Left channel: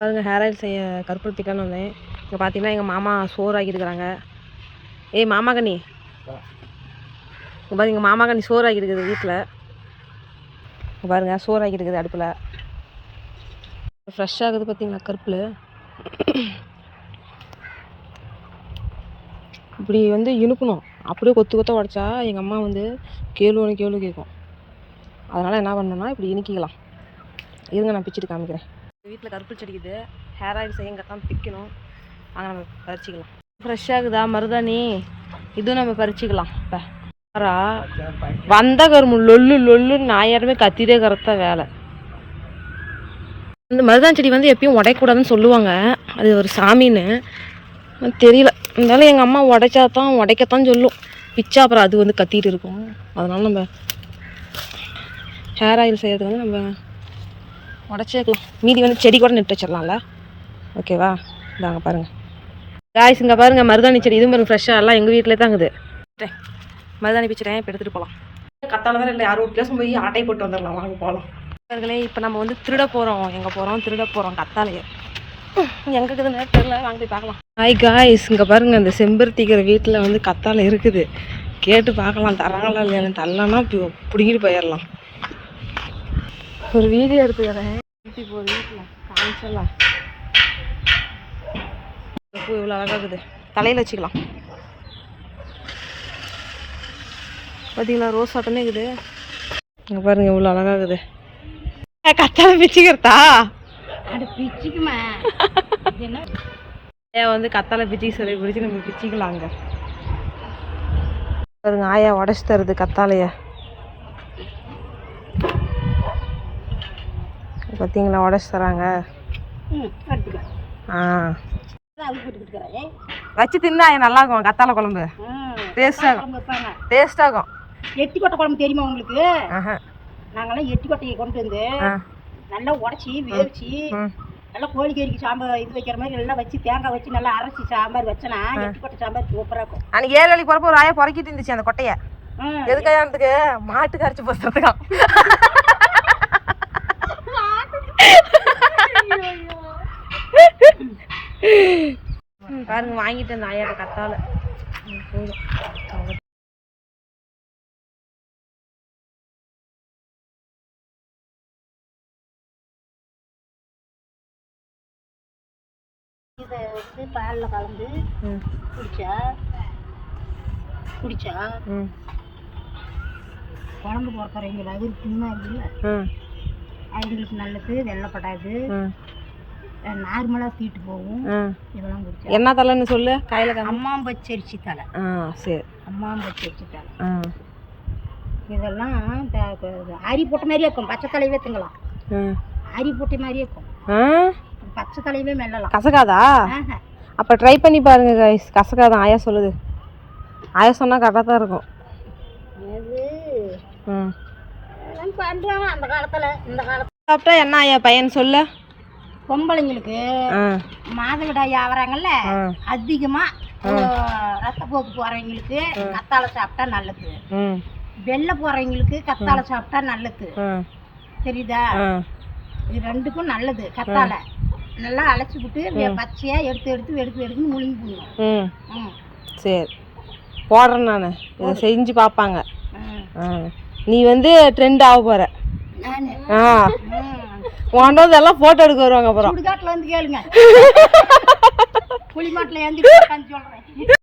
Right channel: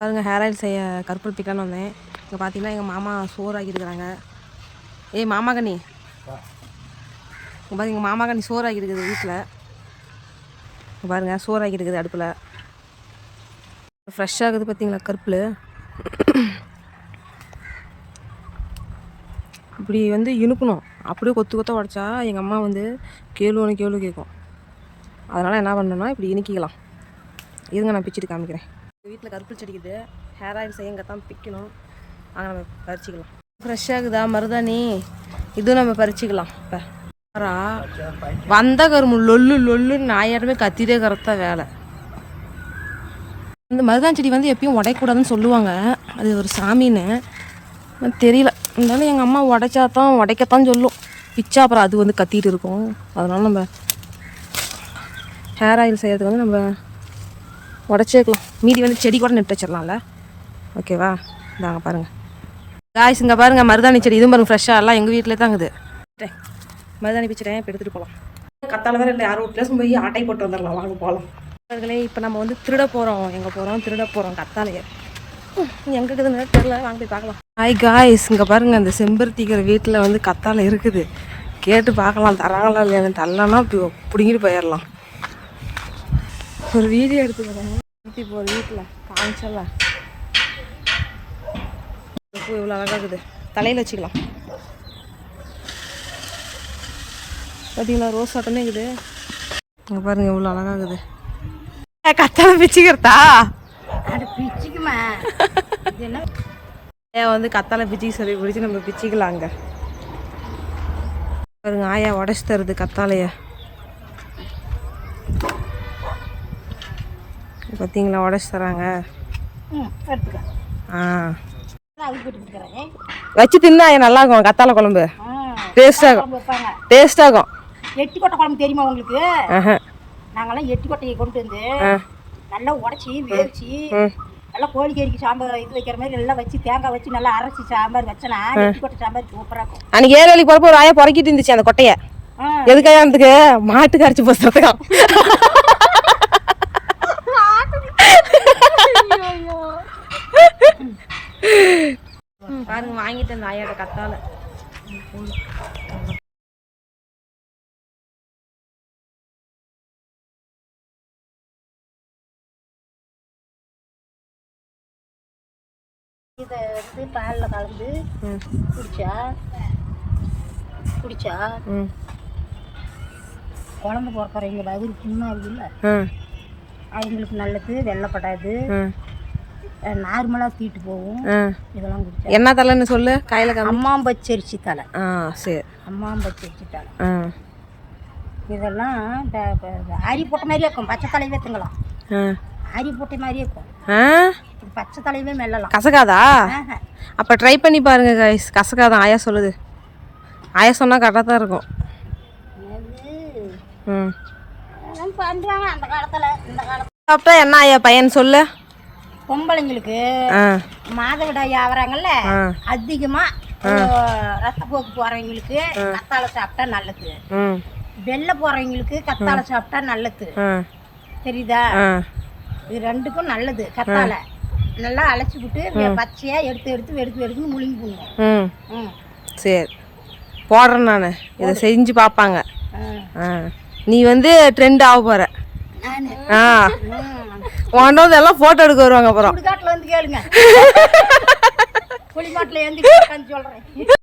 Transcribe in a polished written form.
பாருங்க hair oil செய்ய கருப்பு பிக்கலான்னு வந்தேன். இங்கே பார்த்தீங்கன்னா எங்கள் மாமா சோறு ஆக்கிட்டுருக்குறாங்க. ஏய் மாமா கண்ணி, இங்கே பாருங்க எங்கள் மாமா கண்ணி சோறு ஆக்கிட்டுருக்குது வீட்டில். இங்கே பாருங்கள் சோறு ஆக்கிட்டுருக்குது அடுப்பில். ஃப்ரெஷ்ஷாக இருக்குது பார்த்தீங்களா கருப்பில். இப்படி வந்து இனுக்கணும், அப்படியே கொத்து கொத்த உடச்சா எங்கள் அம்மா வந்து கேளு கேட்கும். அதனால் என்ன பண்ணணும்னா இப்படி இனிக்கிக்கலாம். இருங்க நான் பிச்சுட்டு காமிக்கிறேன். வீட்டில் கருப்பு செடிக்குது, ஹேர் ஆயில் செய்ய இங்கே தான் பிக்கணும். அங்கே நம்ம பறிச்சிக்கலாம். ஃப்ரெஷ்ஷாகுதா மருதாணி, இதுவும் நம்ம பறிச்சிக்கலாம். இப்போ வந்த கரும்பு லொல்லுன்னு நாயாருமே கத்திட்டே கரெக்டாக வேலை. இந்த மருதாணி செடி வந்து எப்பயும் உடையக்கூடாதுன்னு சொல்லுவாங்க, அது ஒரு சாமின்னு தெரியல. இருந்தாலும் எங்கள் அம்மா உடைக்கத்தான் சொல்லும். பிச்சா அப்புறம் அது வந்து கத்திட்டு இருக்கும். அதனால் நம்ம ஹேர் ஆயில் செய்கிறதுக்கு வந்து நம்ம உடச்சிக்கலாம். மீதி வந்து செடி கூட நட்டு வச்சிடலாம்ல. ஓகேவா? இதாங்க பாருங்கள் காய்ஸ், இங்கே பாருங்கள் மருதாணி செடி. இதுவும் பாருங்கள் ஃப்ரெஷ்ஷாக எல்லாம் எங்கள் வீட்டிலே தாங்குது. மருதாணி பிச்சுறேன், இப்போ எடுத்துகிட்டு போகலாம். கத்தால தான் இல்லை, யாரும் வீட்டில் போய் ஆட்டை போட்டு வந்துடலாம். வாங்க போகலாம். அவர்களே இப்போ நம்ம வந்து திருட போகிறோம். எங்கே போகிறோம்? திருட போகிறோம் கத்தாலையே. எங்கே இருக்குதுன்னு தெரியல, வாங்க போய் பார்க்கலாம். ஹாய் காய்ஸ், இங்கே பாருங்கள் அந்த செம்பருத்திக்கிற வீட்டில் வந்து கத்தாழை இருக்குது. கேட்டு பார்க்கலாம் தராங்களா இல்லையான்னு. தரலன்னா பிடிங்கிட்டு போயிடலாம். ஒரு வீடியோ எடுத்துக்கிறேன். இப்போ ஒரு வீட்டில் காமிச்சலாம். பூ இவ்வளோ அழகாகுது, தலையில் வச்சுக்கலாம். பார்த்தீங்களா ரோஸ் ஆட்டமே இருக்குது. இங்கே பாருங்கள் இவ்வளோ அழகாகுது. கத்தாழை பிச்சுக்கிறதா? ஆயா வந்து கத்தாழை பிச்சுக்கு சொல்லி பிடிச்சி நம்ம பிச்சுக்கலாம். அங்கே பாருங்க ஆயா உடச்சி தருது கத்தாழைய. பார்த்தீங்களா உடச்சி தராங்க. வச்சு தின்னா நல்லா இருக்கும் கத்தாழை குழம்பு. டேஸ்டாகும். எட்டி கொட்டை குழம்பு தெரியுமா உங்களுக்கு? நாங்கெல்லாம் எட்டி கொட்டையை கொண்டு வந்து நல்லா உடச்சி வேவிச்சு நல்லா கோழிக்கறிக்கு சாம்பார் இது வைக்கிற மாதிரி நல்லா வச்சு தேங்காய் வச்சு நல்லா அரைச்சி சாம்பார் வச்சனா எட்டி கொட்டை சாம்பார் சூப்பராக இருக்கும். அன்னைக்கு ஏழாளிக்கு போகிறப்ப ஒரு ஆயா பொறக்கிட்டு இருந்துச்சு அந்த கொட்டையை. எதுக்காக அதுக்கு மாட்டுக்கு அரைச்சி போகிறதுக்கும். பாருங்க வாங்கிட்டு அந்த ஆயாட கத்தாழை போதும். இதை வந்து பாலில் கலந்து குடிச்சா குழம்பு போகிறவங்க அது புண்ணாக இருக்குல்ல, அவங்களுக்கு நல்லது. வெள்ளைப்படாது, நார்மலாக தீட்டு போகும். இதெல்லாம் குடிச்சா என்ன தலைன்னு சொல்லு. கையில் அம்மாம்பச்சரிசி தலை. சரி, அம்மாம்பச்சரிசி தலை. இதெல்லாம் அரி போட்ட மாதிரியே இருக்கும். பச்சை தலையவே திங்கலாம். அரி போட்ட மாதிரியே இருக்கும். பச்சை தலையவே மெல்லலாம். கசக்காதா? அப்போ ட்ரை பண்ணி பாருங்க கைஸ். கசக்காதான் ஆயா சொல்லுது. ஆயா சொன்னால் கரெக்டாக தான் இருக்கும். பண்ணுறாங்க அந்த காலத்தில். இந்த காலத்தில் சாப்பிட்டா என்ன ஆயா பையன் சொல்லு. பொம்பளைங்களுக்கு மாதவிடாய் ஆகிறாங்கல்ல, அதிகமாக ரத்தப்போக்கு போகிறவங்களுக்கு கத்தாழை சாப்பிட்டா நல்லது. வெள்ளை போகிறவங்களுக்கு கத்தாழை சாப்பிட்டா நல்லது. தெரியுதா? இது ரெண்டுக்கும் நல்லது. கத்தாழை நல்லா அழைச்சி விட்டு பச்சையாக எடுத்து முழுங்கி போடணும். சரி போடுறேன் நான். இதை செஞ்சு பார்ப்பாங்க. நீ வந்து ட்ரெண்ட் ஆக போகிற. உன்றது எல்லாம் ஃபோட்டோ எடுக்க வருவாங்க. அப்புறம் சுடுகாட்டில் வந்து கேளுங்க. புளிமாட்டில் எழுந்து சொல்கிறேன்.